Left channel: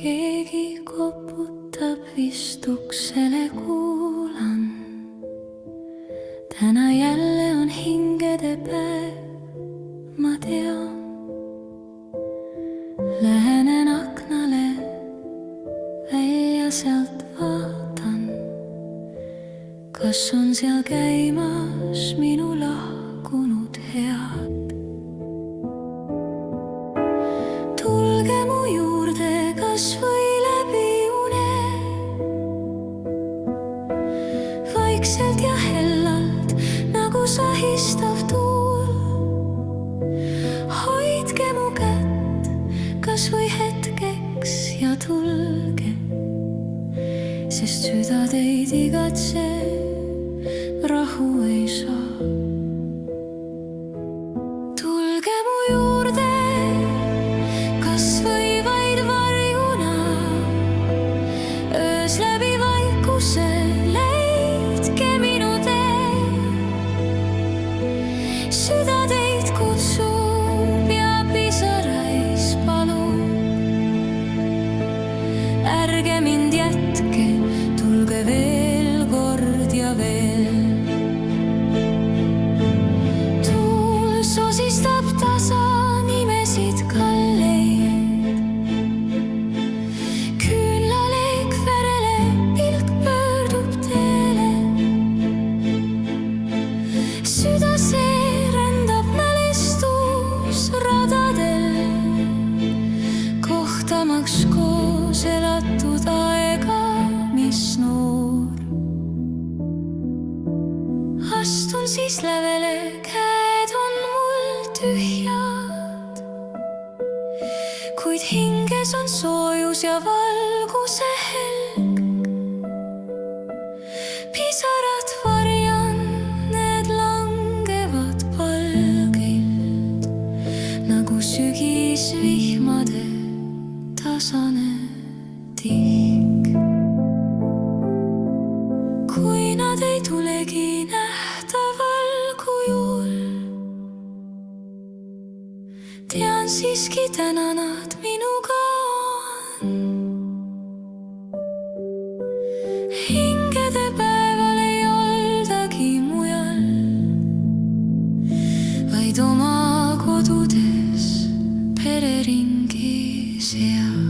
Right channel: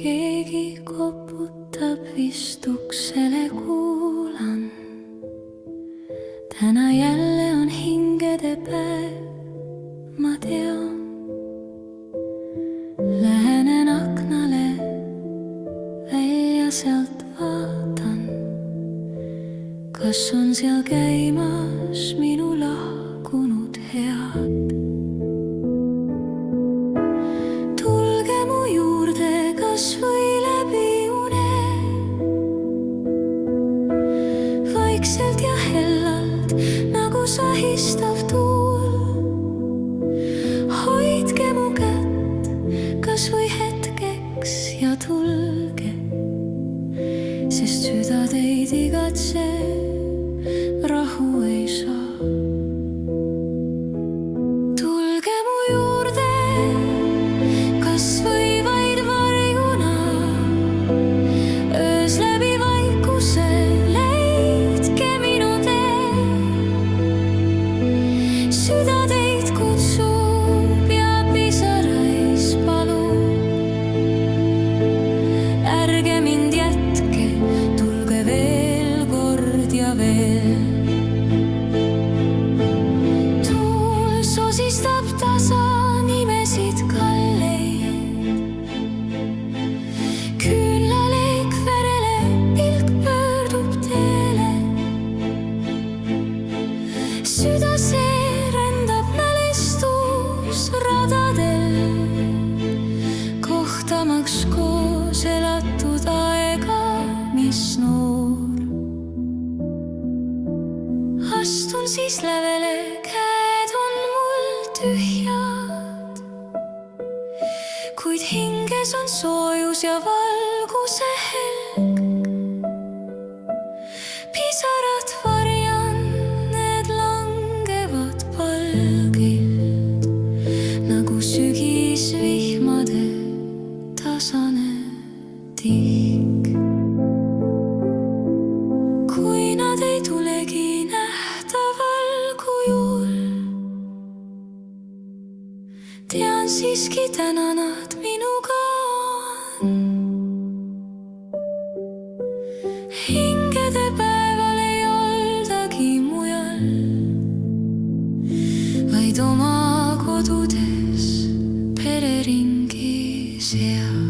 Keegi koputab vist uksele, kuulan. Täna jälle on hingede päev, ma tean. Lähenen aknale, välja sealt vaatan. Kas on seal käimas minu lahkunud head? Tulge mu juurde kas või läbi une, vaikselt ja hellalt nagu sahistav tuul. Hoidke mu kätt kas või hetkeks ja tulge, sest süda teid igatse, rahu ei saa. Tulge mu juurde kas või vaid varjuna, öös läbi vaikuse leidke minu tee. Süda teid kutsub ja pisarais palub. Ärge mind jätke, tulge veel kord ja veel. Tuul sosistab tasa nimesid kalleid. Küünlaleek verele, pilk pöördub teele. Süda seerendab mälestusradadel, kohtamaks koos elatud aega, mis noor. Astun siis lävele, käed on mul tühjad, kuid hinges on soojus ja valguse helg. Pisarad varjan, need langevad palgilt nagu sügisvihmade tasane tihk. Kui nad ei tulegi nähtaval kujul, tean siiski täna nad minuga on. Hingede päeval ei oldagi mujal, vaid oma kodudes pereringi seal.